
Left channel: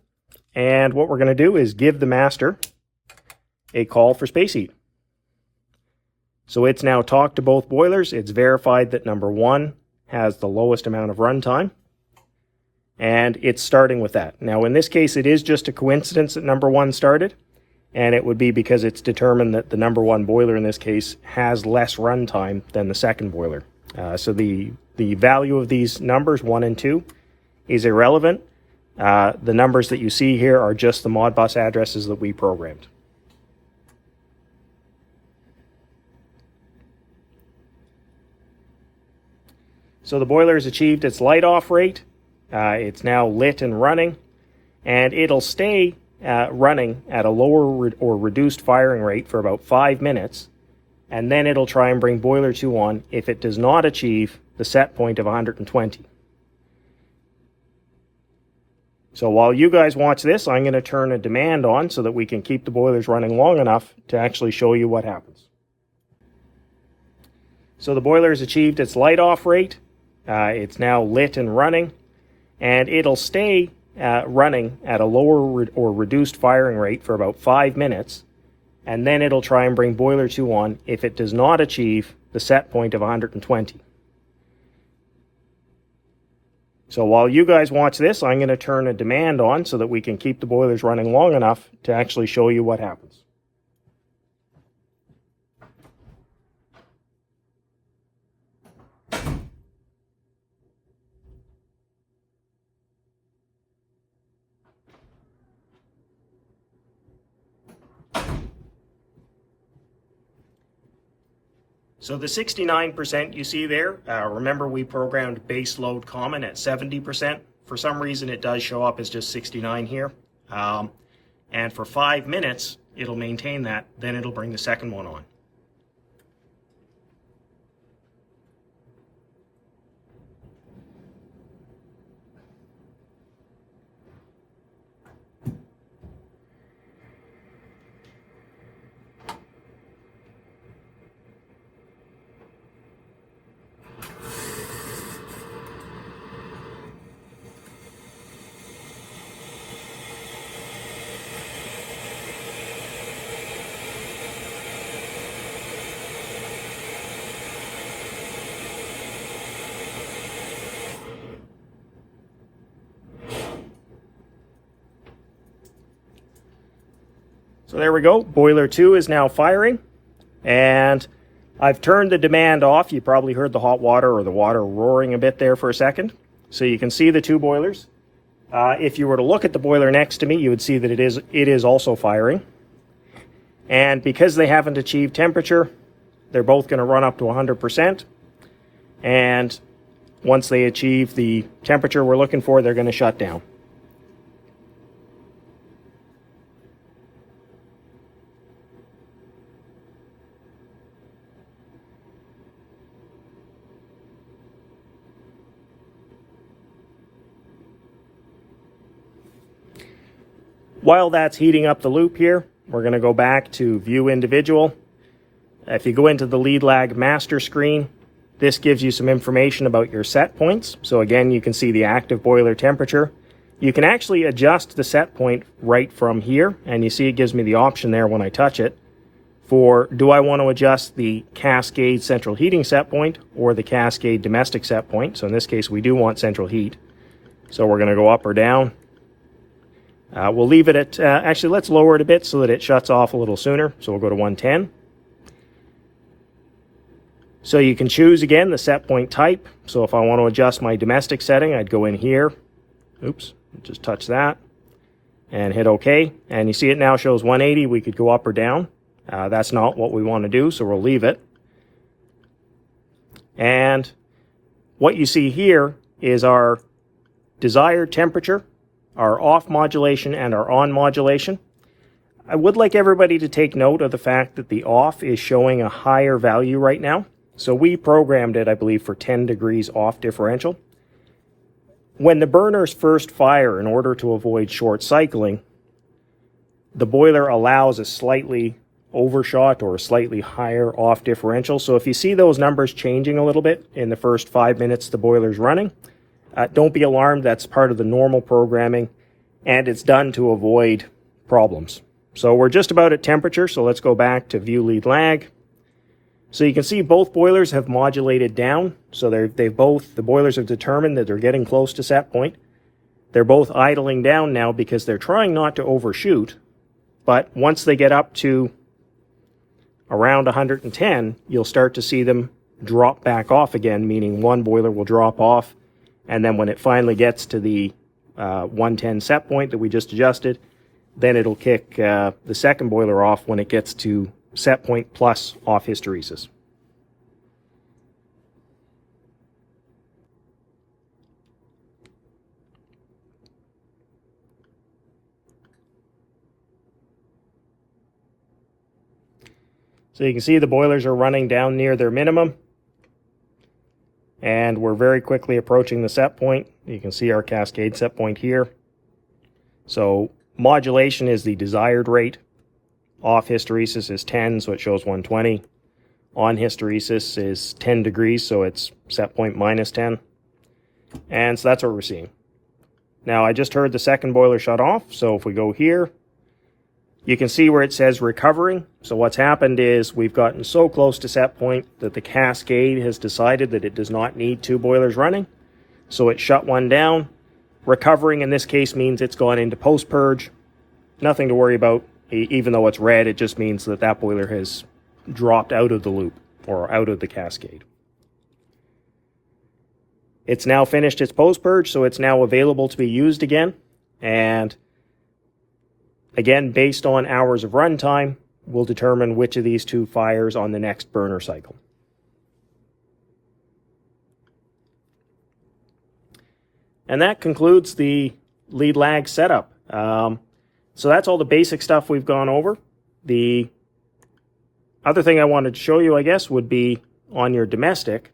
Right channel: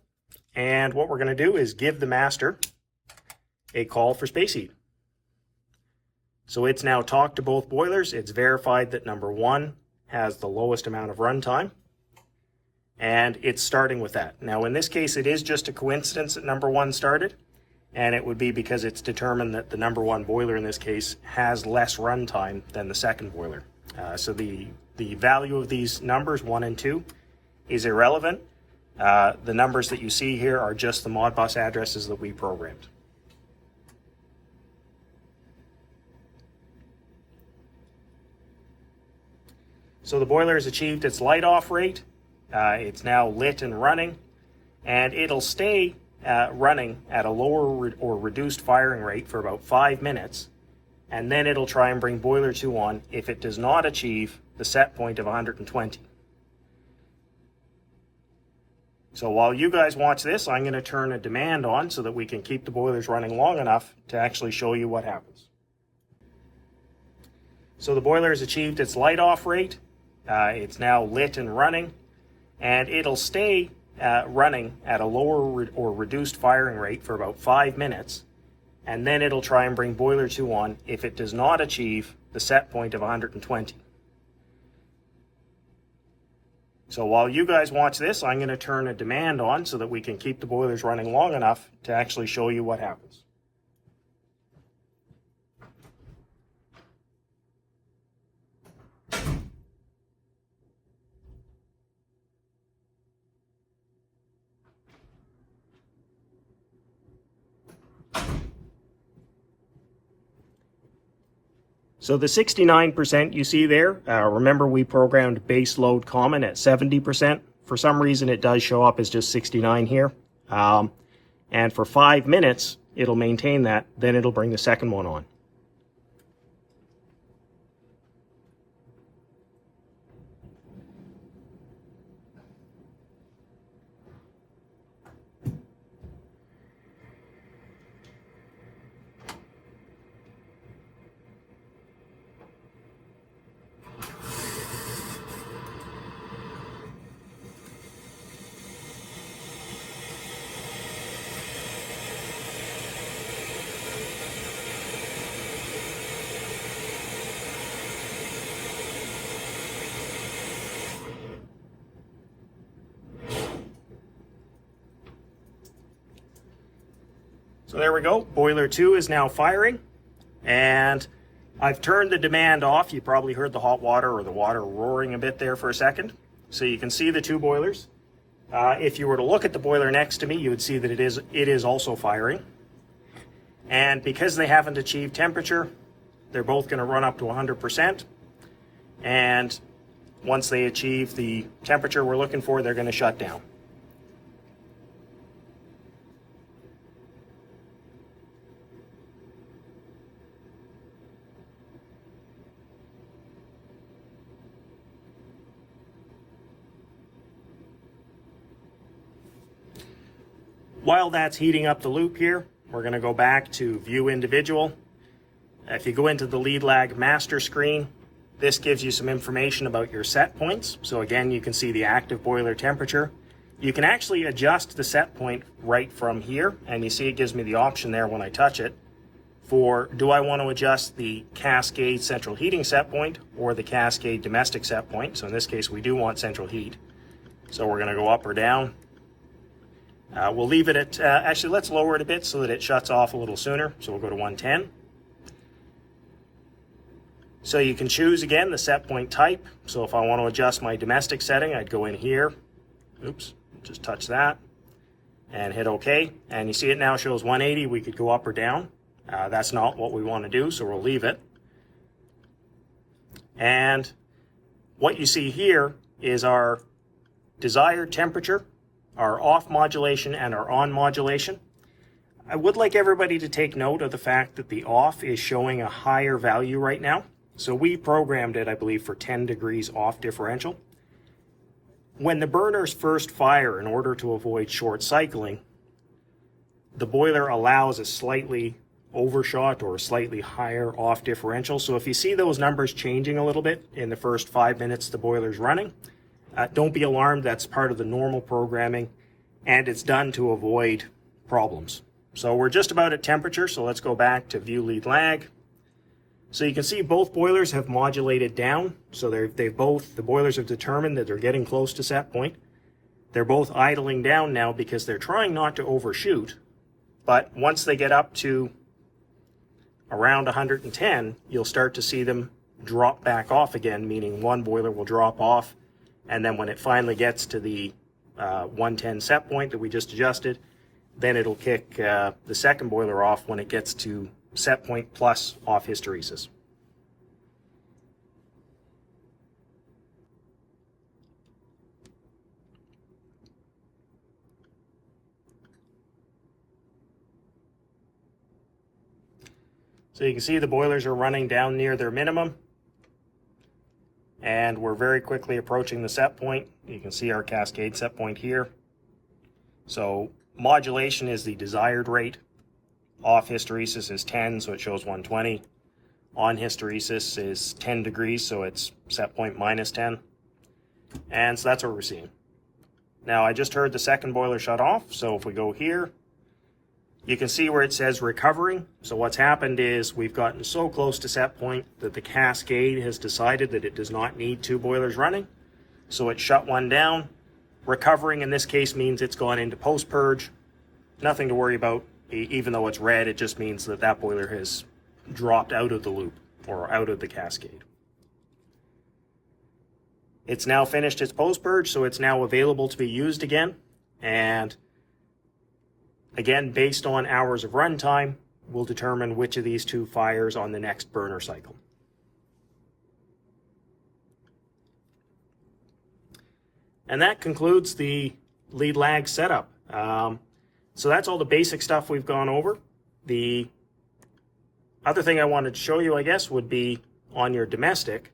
And what we're going to do is give the master a call for space heat. So it's now talked to both boilers. It's verified that number 1 has the lowest amount of runtime, and it's starting with that. Now in this case, it is just a coincidence that number 1 started, and it would be because it's determined that the number 1 boiler in this case has less runtime than the second boiler. So the value of these numbers 1 and 2 is irrelevant. The numbers that you see here are just the Modbus addresses that we programmed. So the boiler has achieved its light off rate. It's now lit and running, and it'll stay running at a lower or reduced firing rate for about 5 minutes, and then it'll try and bring boiler 2 on if it does not achieve the set point of 120. So while you guys watch this, I'm going to turn a demand on so that we can keep the boilers running long enough to actually show you what happens. So the boiler has achieved its light off rate. It's now lit and running, and it'll stay running at a lower or reduced firing rate for about 5 minutes, and then it'll try and bring boiler 2 on if it does not achieve the set point of 120. So while you guys watch this, I'm going to turn a demand on so that we can keep the boilers running long enough to actually show you what happens. So the 69% you see there, remember we programmed base load common at 70%. For some reason it does show up as just 69 here. And for 5 minutes, it'll maintain that, then it'll bring the second one on. So there we go, boiler 2 is now firing, and I've turned the demand off. You probably heard the hot water or the water roaring a bit there for a second. So you can see the 2 boilers. If you were to look at the boiler next to me, you would see that it is also firing. And because they haven't achieved temperature, they're both going to run up to 100%. And once they achieve the temperature we're looking for, they're going to shut down. While that's heating up the loop here, we're going to go back to View Individual. If you go into the lead lag master screen, this gives you some information about your set points. So again, you can see the active boiler temperature. You can actually adjust the set point right from here, and you see it gives me the option there when I touch it for, do I want to adjust the Cascade central heating set point or the Cascade domestic set point? So in this case, we do want central heat. So we're going to go up or down. We'll leave it at, actually let's lower it a bit so that it shuts off a little sooner. So we'll go to 110. So you can choose again the set point type. So if I want to adjust my domestic setting, I'd go in here. Oops, just touch that and hit OK. And you see it now shows 180. We could go up or down. That's not what we want to do, so we'll leave it. And what you see here is our desired temperature, our off modulation, and our on modulation. I would like everybody to take note of the fact that the off is showing a higher value right now. So we programmed it, I believe, for 10 degrees off differential. When the burners first fire, in order to avoid short cycling, the boiler allows a slightly overshot or a slightly higher off differential. So if you see those numbers changing a little bit in the first 5 minutes the boiler's running, don't be alarmed. That's part of the normal programming, and it's done to avoid problems. So we're just about at temperature, so let's go back to View Lead Lag. So you can see both boilers have modulated down. So the boilers have determined that they're getting close to set point. They're both idling down now because they're trying not to overshoot. But once they get up to around 110, you'll start to see them drop back off again, meaning one boiler will drop off. And then when it finally gets to the 110 set point that we just adjusted. Then it'll kick the second boiler off when it gets to set point plus off hysteresis. So you can see the boilers are running down near their minimum, and we're very quickly approaching the set point. You can see our Cascade set point here. So modulation is the desired rate. Off hysteresis is 10, so it shows 120. On hysteresis is 10 degrees, so it's set point minus 10. And so that's what we're seeing. Now I just heard the second boiler shut off, so if we go here, you can see where it says recovering. So what's happened is we've gotten so close to set point that the Cascade has decided that it does not need 2 boilers running. So it shut one down. Recovering in this case means it's gone into post-purge. Nothing to worry about. Even though it's red, it just means that that boiler has dropped out of the loop or out of the Cascade. It's now finished its post-purge, so it's now available to be used again. And again, based on hours of runtime, we'll determine which of these 2 fires on the next burner cycle. And that concludes the lead lag setup. So that's all the basic stuff we've gone over. The other thing I wanted to show you, I guess, would be on your domestic.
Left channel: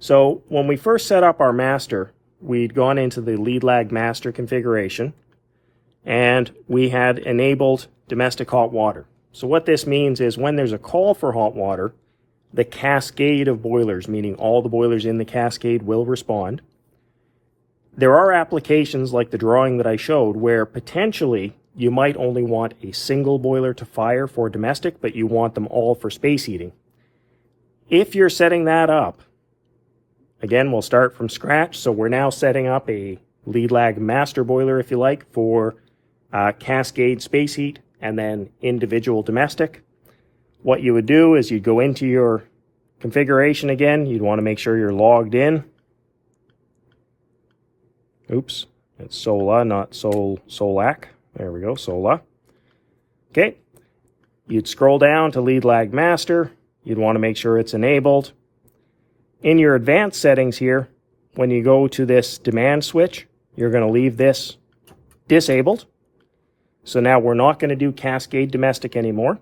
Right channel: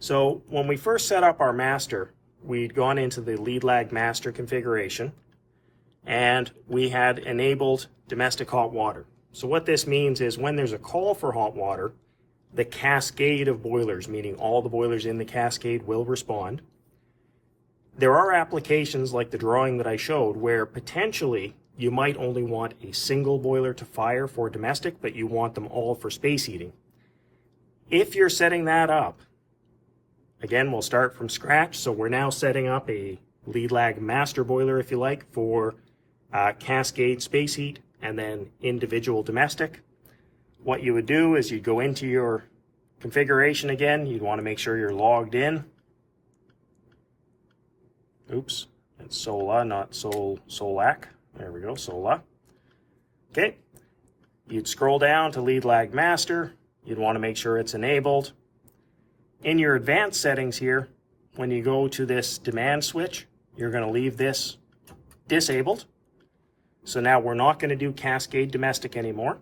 So when we first set up our master, we'd gone into the lead lag master configuration, and we had enabled domestic hot water. So what this means is when there's a call for hot water, the cascade of boilers, meaning all the boilers in the cascade, will respond. There are applications like the drawing that I showed where potentially you might only want a single boiler to fire for domestic, but you want them all for space heating. If you're setting that up, again, we'll start from scratch. So we're now setting up a lead lag master boiler, if you like, for Cascade space heat and then individual domestic. What you would do is you'd go into your configuration again. You'd want to make sure you're logged in. Oops, it's SOLA, not SOLAC. There we go, SOLA. Okay, you'd scroll down to lead lag master. You'd want to make sure it's enabled. In your advanced settings here, when you go to this demand switch, you're going to leave this disabled. So now we're not going to do Cascade domestic anymore.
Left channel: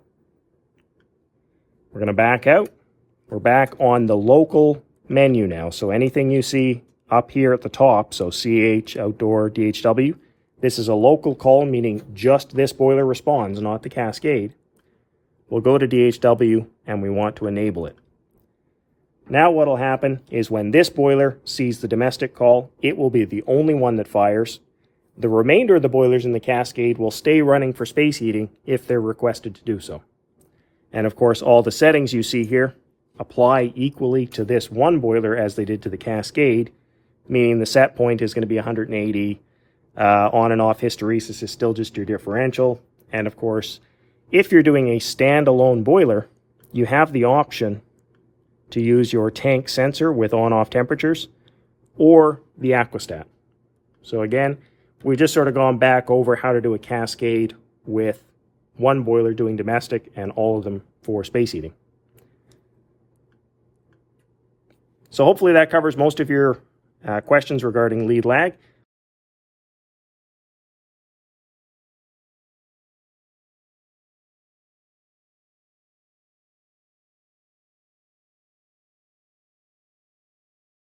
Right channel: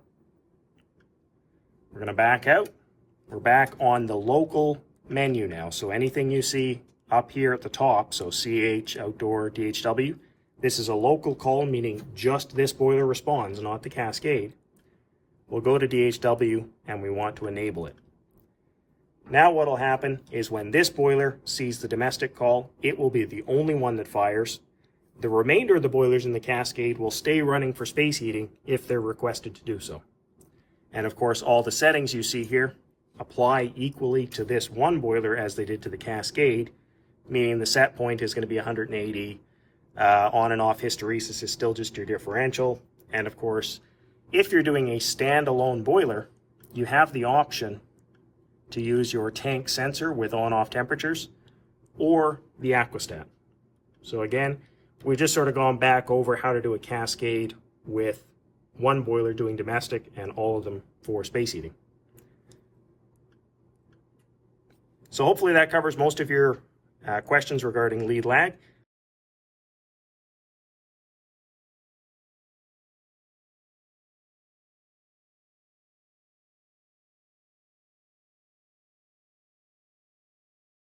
We're going to back out. We're back on the local menu now. So anything you see up here at the top, so CH, outdoor, DHW, this is a local call, meaning just this boiler responds, not the Cascade. We'll go to DHW and we want to enable it. Now what will happen is when this boiler sees the domestic call, it will be the only one that fires. The remainder of the boilers in the Cascade will stay running for space heating if they're requested to do so. And of course, all the settings you see here apply equally to this one boiler as they did to the Cascade, meaning the set point is going to be 180. On and off hysteresis is still just your differential. And of course, if you're doing a standalone boiler, you have the option to use your tank sensor with on-off temperatures or the aquastat. So again, we've just sort of gone back over how to do a Cascade with one boiler doing domestic and all of them for space heating. So hopefully that covers most of your questions regarding lead lag.